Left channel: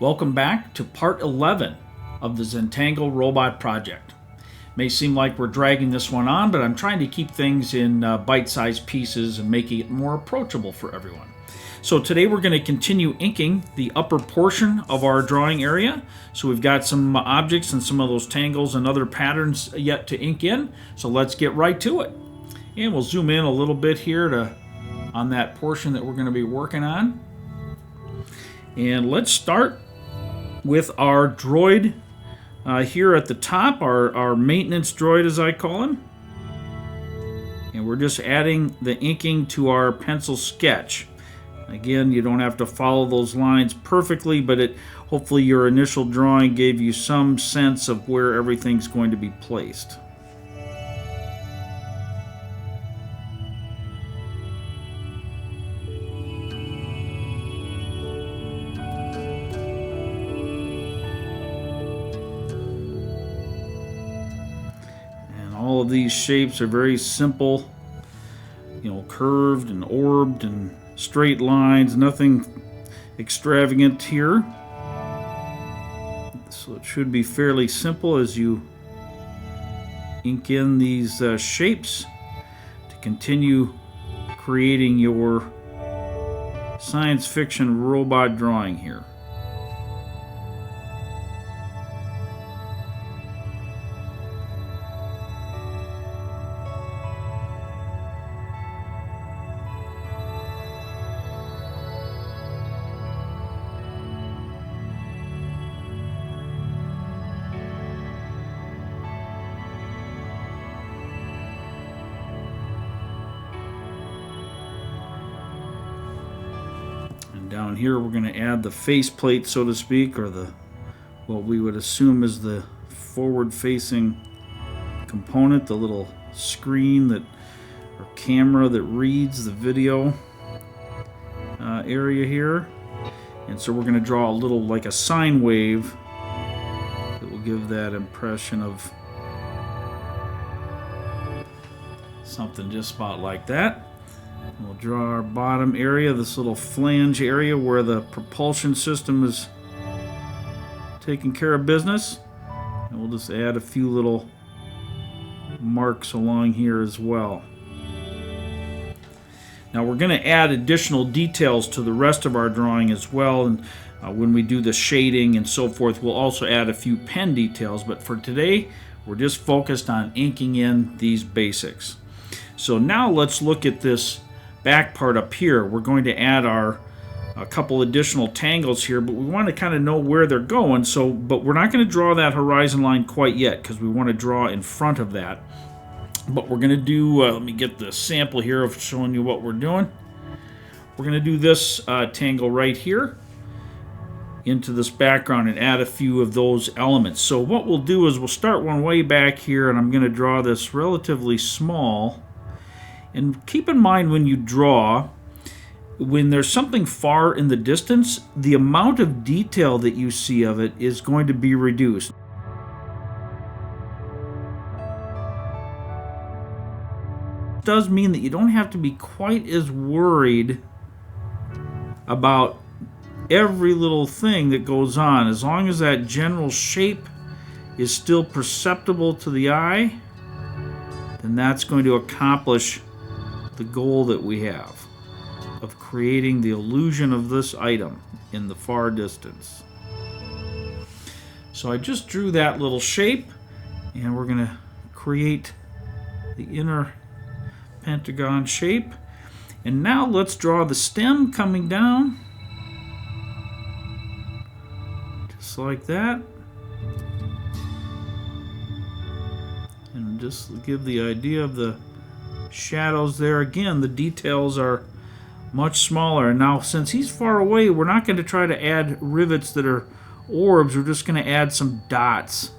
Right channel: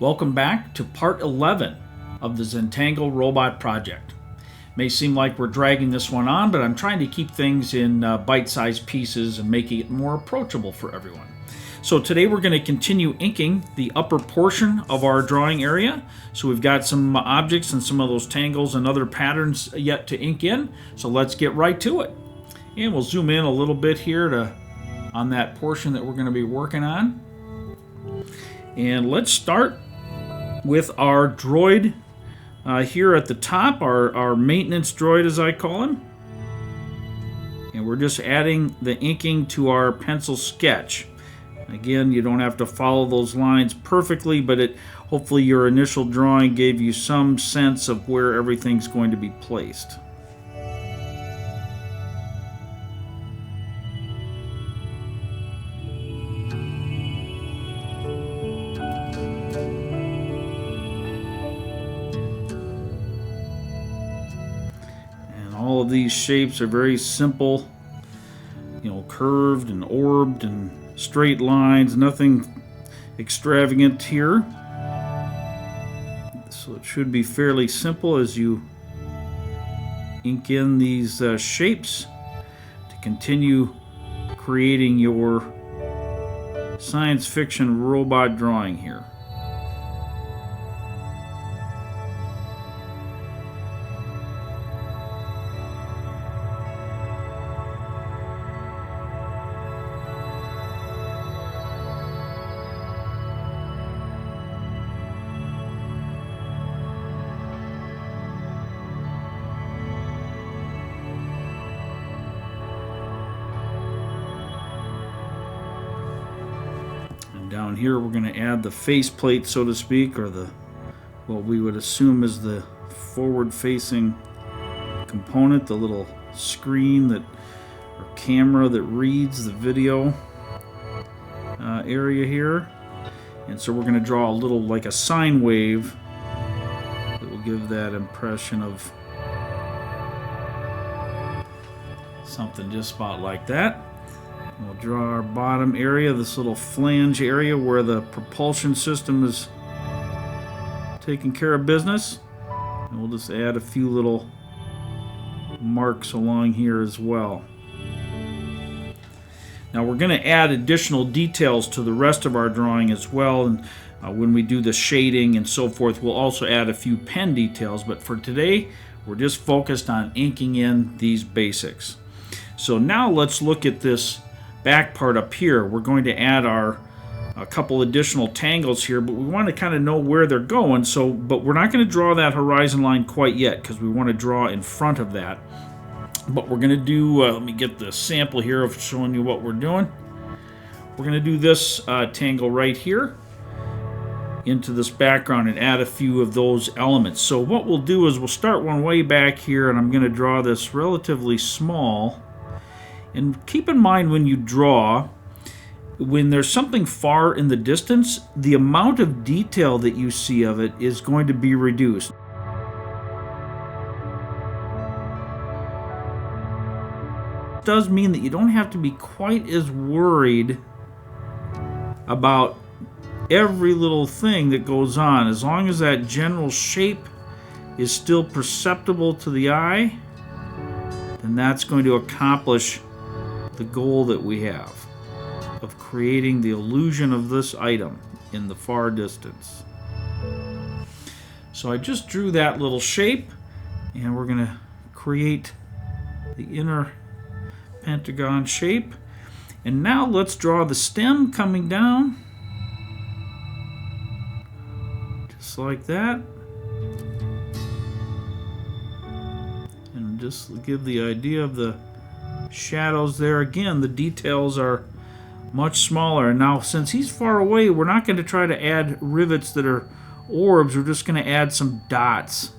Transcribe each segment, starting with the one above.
Welcome back to part 11 of the Zentangle robot project. May seem like we're dragging this one on, but I'm trying to keep things in bite-sized pieces and making it more approachable for everyone. So today we're going to continue inking the upper portion of our drawing area. So we've got some objects and some of those tangles and other patterns yet to ink in. So let's get right to it. And we'll zoom in a little bit here on that portion that we're going to be working on. And let's start with our droid here at the top, our maintenance droid as I call him. And we're just adding the inking to our pencil sketch. Again, you don't have to follow those lines perfectly, but hopefully your initial drawing gave you some sense of where everything's going to be placed. All of these shapes are very simple, curved and orbed and straight lines, nothing extravagant here. So it should be fairly simple as you ink in these shapes to continue creating your science fiction robot drawing here. Down here we're going to add the faceplate, so to speak, or what we would assume is the forward-facing component, the little screen or camera that reads the video area here. And so we're going to draw a little like a sine wave that will give that impression of something just about like that. We'll draw our bottom area, this little flange area where the propulsion system is taking care of business. And we'll just add a few little marks along here as well. Now we're going to add additional details to the rest of our drawing as well. And when we do the shading and so forth, we'll also add a few pen details. But for today, we're just focused on inking in these basics. So now let's look at this back part up here. We're going to add a couple additional tangles here, but we want to kind of know where they're going. But we're not going to draw that horizon line quite yet because we want to draw in front of that. But we're going to do, let me get the sample here of showing you what we're doing. We're going to do this tangle right here into this background and add a few of those elements. So what we'll do is we'll start one way back here, and I'm going to draw this relatively small. And keep in mind when you draw, when there's something far in the distance, the amount of detail that you see of it is going to be reduced. It does mean that you don't have to be quite as worried about every little thing that goes on. As long as that general shape is still perceptible to the eye, then that's going to accomplish the goal that we have of creating the illusion of this item in the far distance. So I just drew that little shape, and we're going to create the inner pentagon shape. And now let's draw the stem coming down just like that, and just give the idea of the shadows there. Again, the details are much smaller. And now since he's far away, we're not going to try to add rivets that are orbs. We're just going to add some dots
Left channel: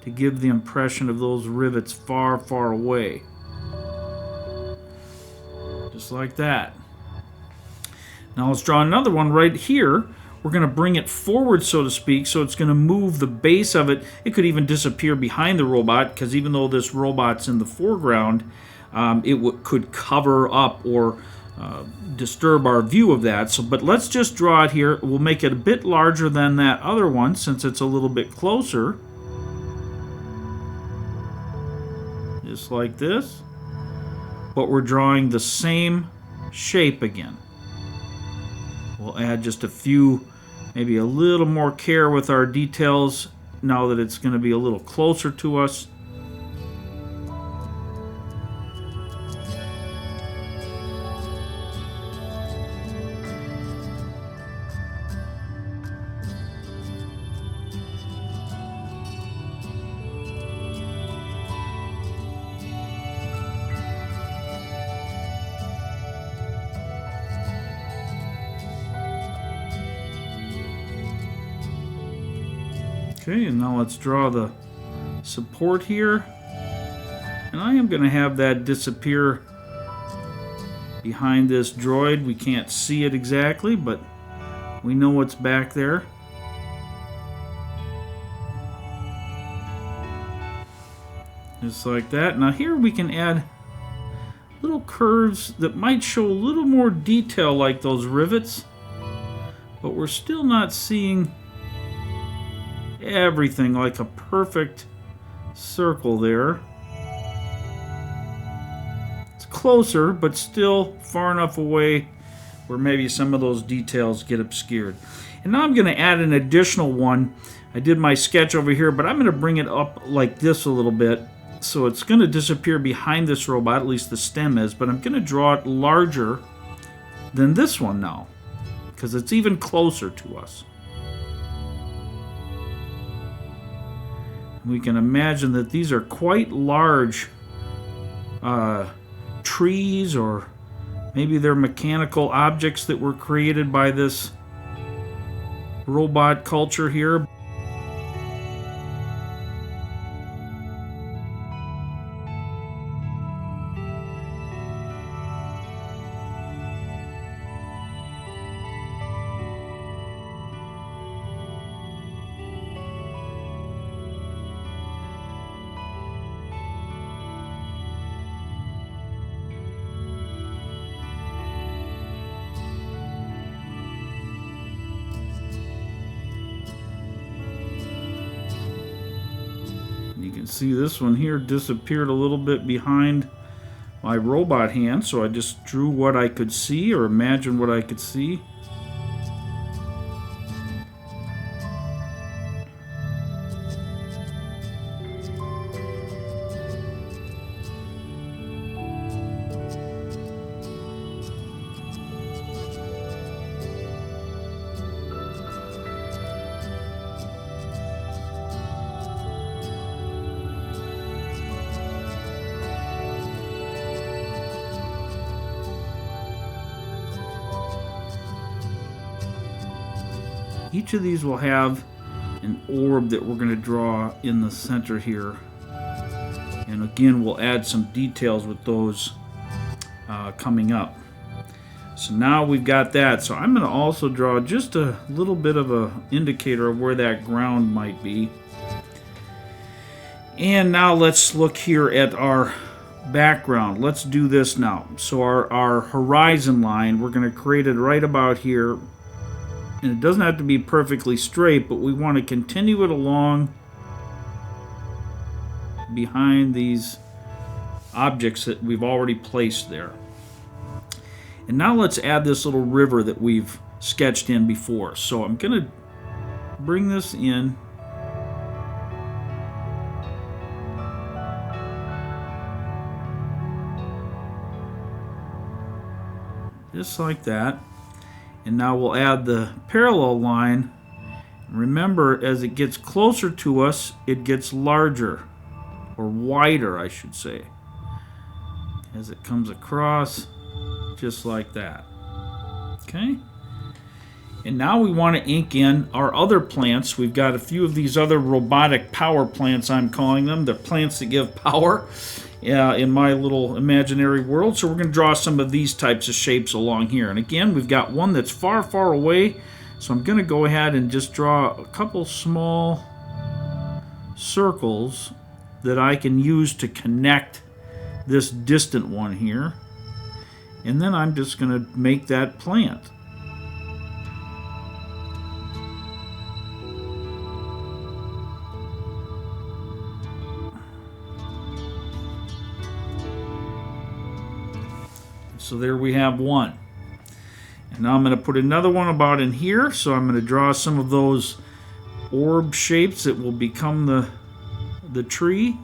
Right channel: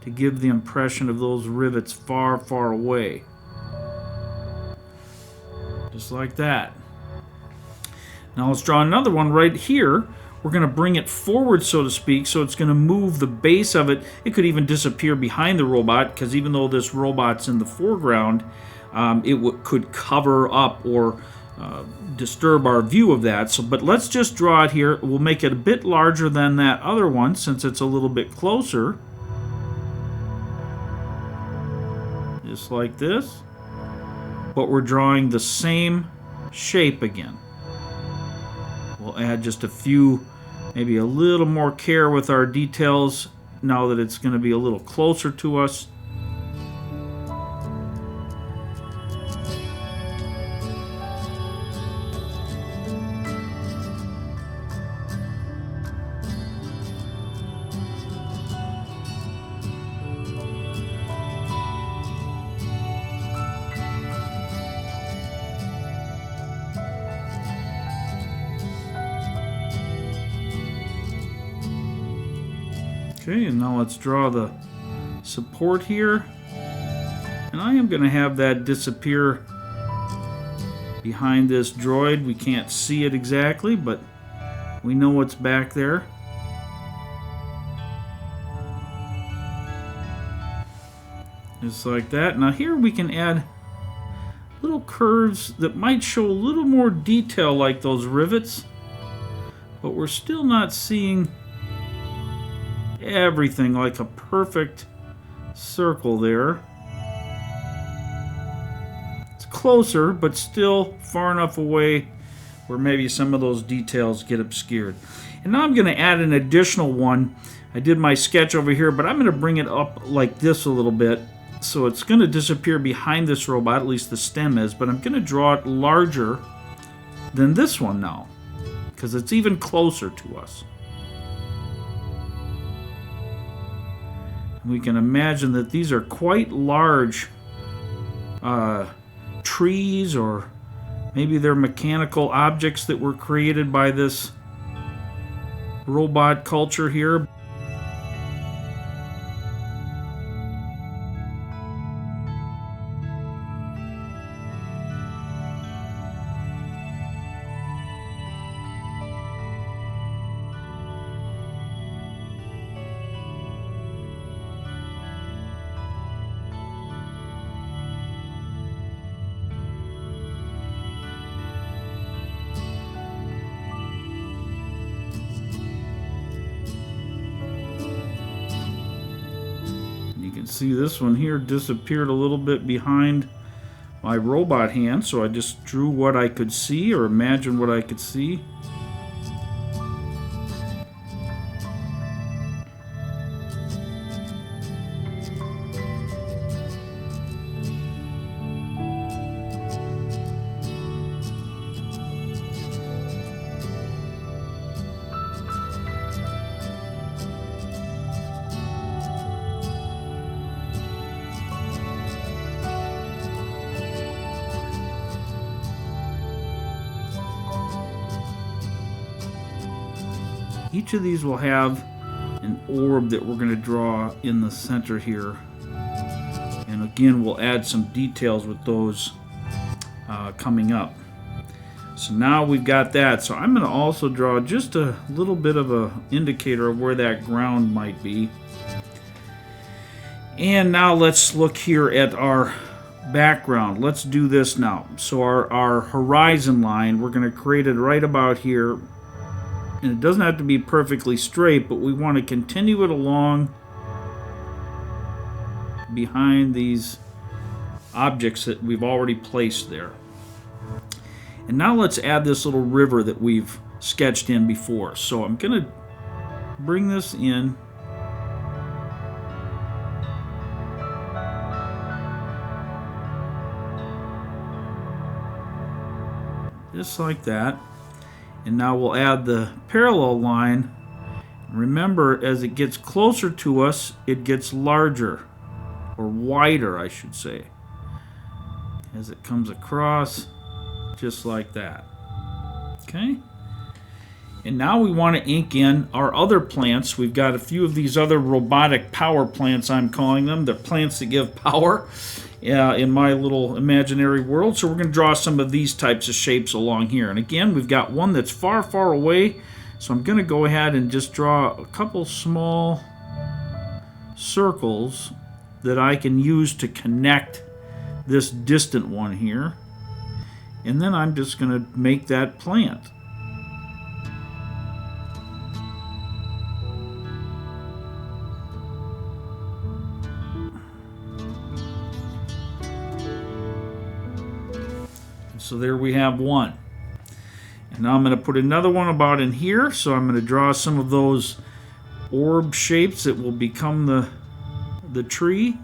to give the impression of those rivets far, far away. Just like that. Now let's draw another one right here. We're going to bring it forward, so to speak, so it's going to move the base of it. It could even disappear behind the robot, because even though this robot's in the foreground, it could cover up or disturb our view of that. So, but let's just draw it here. We'll make it a bit larger than that other one since it's a little bit closer. Just like this. But we're drawing the same shape again. We'll add just a few, maybe a little more care with our details now that it's going to be a little closer to us. Okay, and now let's draw the support here. And I am going to have that disappear behind this droid. We can't see it exactly, but we know what's back there. Just like that. Now here we can add little curves that might show a little more detail like those rivets, but we're still not seeing everything like a perfect circle there. It's closer, but still far enough away where maybe some of those details get obscured. And now I'm going to add an additional one. I did my sketch over here, but I'm going to bring it up like this a little bit. So it's going to disappear behind this robot, at least the stem is, but I'm going to draw it larger than this one now, because it's even closer to us. We can imagine that these are quite large trees, or maybe they're mechanical objects that were created by this robot culture here. You can see this one here disappeared a little bit behind my robot hand, so I just drew what I could see, or imagined what I could see. Each of these will have an orb that we're going to draw in the center here. And again, we'll add some details with those coming up. So now we've got that. So I'm going to also draw just a little bit of an indicator of where that ground might be. And now let's look here at our background. Let's do this now. So our horizon line, we're going to create it right about here. And it doesn't have to be perfectly straight, but we want to continue it along behind these objects that we've already placed there. And now let's add this little river that we've sketched in before. So I'm going to bring this in. Just like that. And now we'll add the parallel line. Remember, as it gets closer to us, it gets larger, or wider, I should say, as it comes across, just like that. Okay? And now we want to ink in our other plants. We've got a few of these other robotic power plants, I'm calling them. They're plants that give power in my little imaginary world. So we're going to draw some of these types of shapes along here. And again, we've got one that's far, far away. So I'm going to go ahead and just draw a couple small circles that I can use to connect this distant one here. and then I'm just going to make that plant. So there we have one. And now I'm going to put another one about in here. So I'm going to draw some of those orb shapes that will become the tree.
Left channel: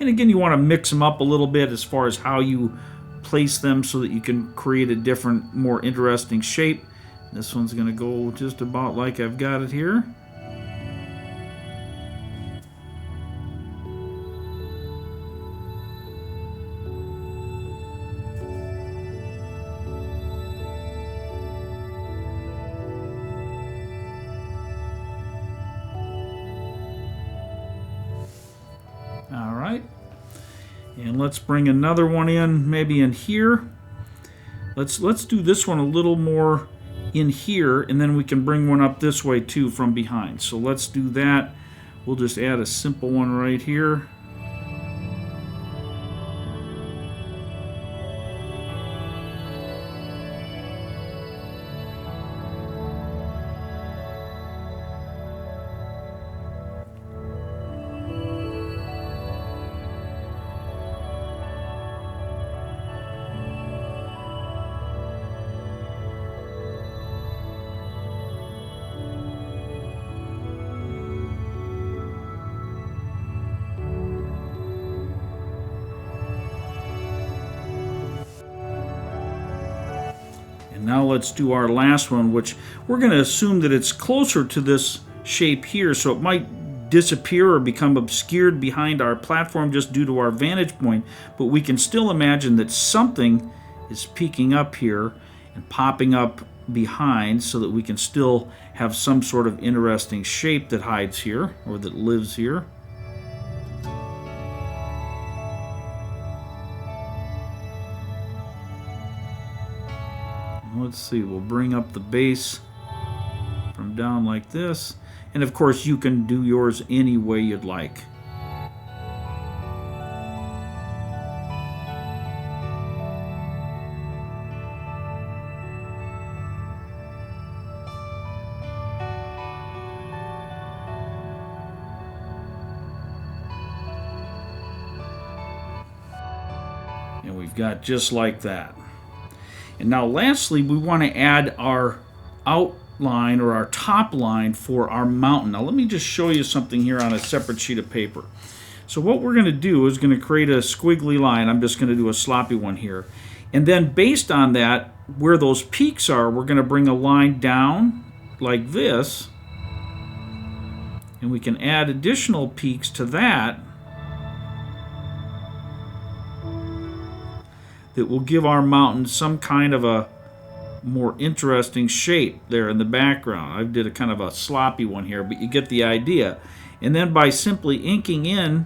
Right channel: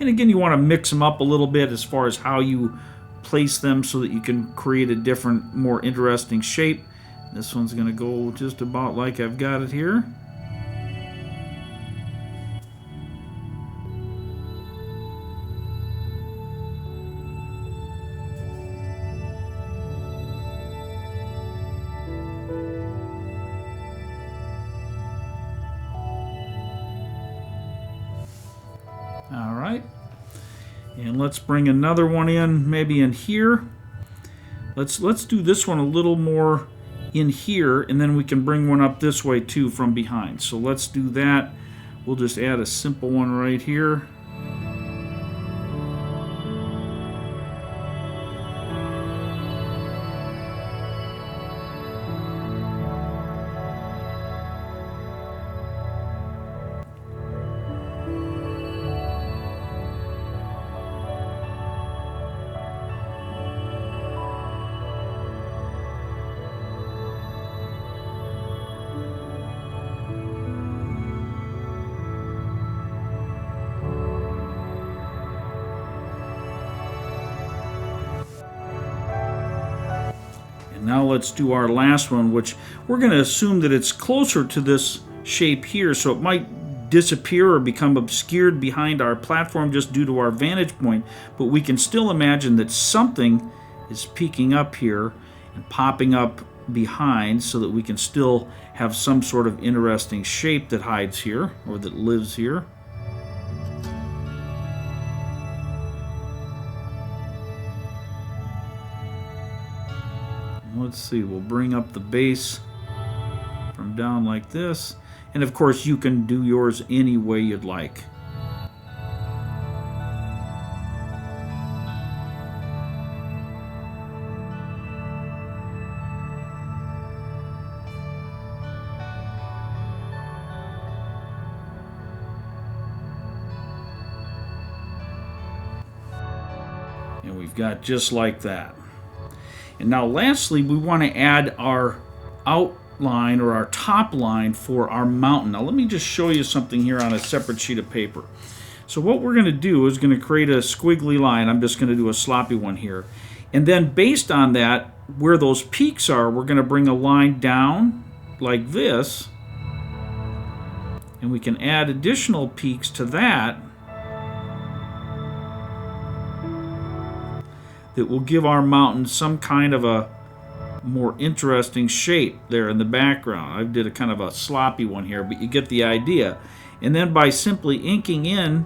And again, you want to mix them up a little bit as far as how you place them so that you can create a different, more interesting shape. This one's going to go just about like I've got it here. All right, and let's bring another one in, maybe in here. Let's do this one a little more in here, and then we can bring one up this way too from behind. So let's do that. We'll just add a simple one right here. Now let's do our last one, which we're going to assume that it's closer to this shape here, so it might disappear or become obscured behind our platform just due to our vantage point, but we can still imagine that something is peeking up here and popping up behind so that we can still have some sort of interesting shape that hides here or that lives here. Let's see, we'll bring up the base from down like this. And of course, you can do yours any way you'd like. And we've got just like that. And now lastly, we want to add our outline or our top line for our mountain. Now let me just show you something here on a separate sheet of paper. So what we're going to do is going to create a squiggly line. I'm just going to do a sloppy one here. And then based on that, where those peaks are, we're going to bring a line down like this. And we can add additional peaks to that that will give our mountain some kind of a more interesting shape there in the background. I did a kind of a sloppy one here, but you get the idea. And then by simply inking in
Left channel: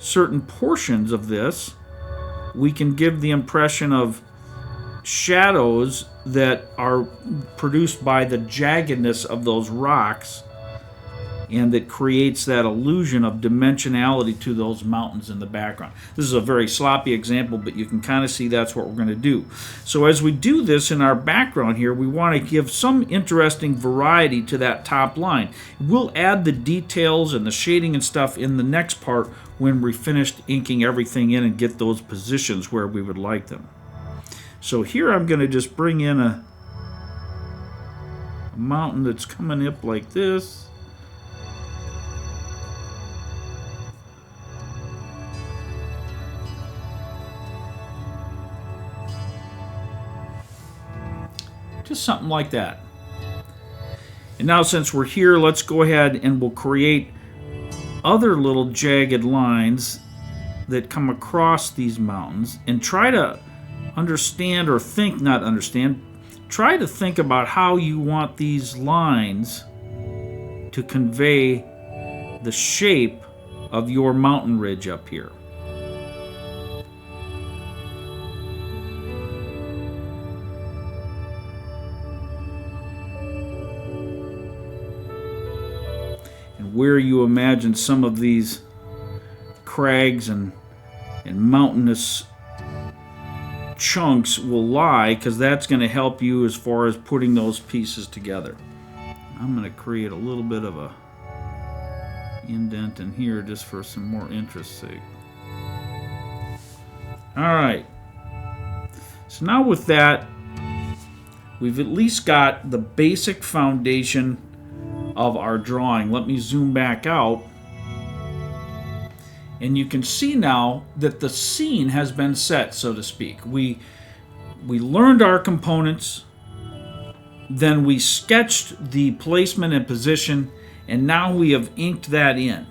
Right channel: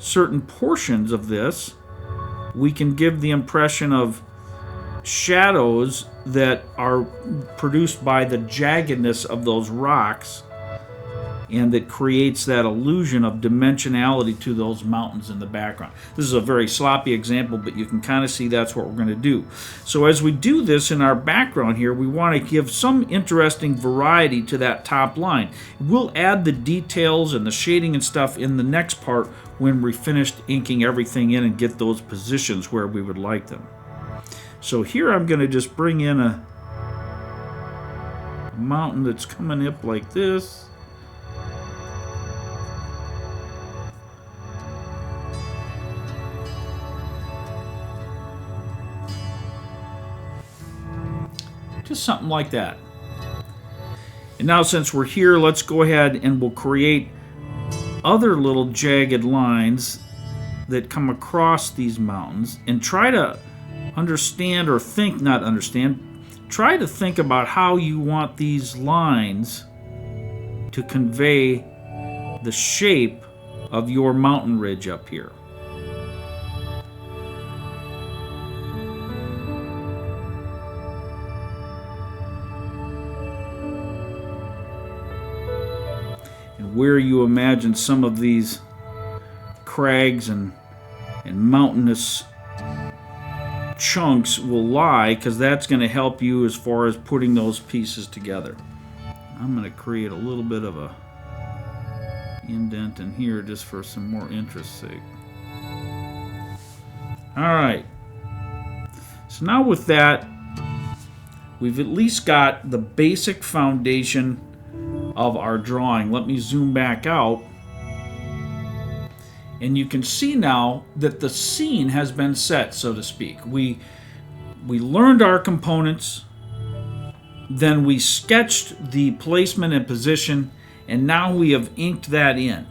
certain portions of this, we can give the impression of shadows that are produced by the jaggedness of those rocks, and that creates that illusion of dimensionality to those mountains in the background. This is a very sloppy example, but you can kind of see that's what we're going to do. So as we do this in our background here, we want to give some interesting variety to that top line. We'll add the details and the shading and stuff in the next part when we're finished inking everything in and get those positions where we would like them. So here I'm going to just bring in a mountain that's coming up like this. Just something like that. And now since we're here, let's go ahead and we'll create other little jagged lines that come across these mountains and try to understand or think, not understand, try to think about how you want these lines to convey the shape of your mountain ridge up here. And where you imagine some of these crags and and mountainous chunks will lie, because that's going to help you as far as putting those pieces together. I'm going to create a little bit of a indent in here just for some more interest's sake. Alright, so now with that, we've at least got the basic foundation of our drawing. Let me zoom back out. And you can see now that the scene has been set, so to speak. We learned our components, then we sketched the placement and position, and now we have inked that in.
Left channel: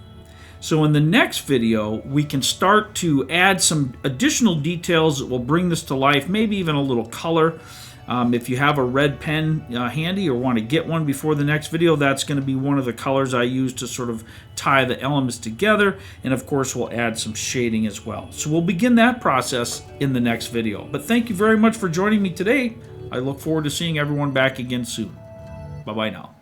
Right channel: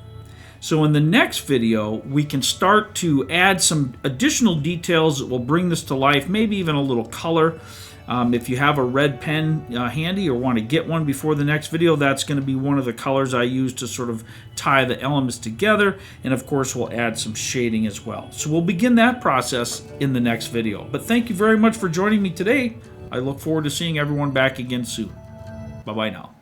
So in the next video, we can start to add some additional details that will bring this to life, maybe even a little color. If you have a red pen handy or want to get one before the next video, that's going to be one of the colors I use to sort of tie the elements together. And of course, we'll add some shading as well. So we'll begin that process in the next video. But thank you very much for joining me today. I look forward to seeing everyone back again soon. Bye-bye now.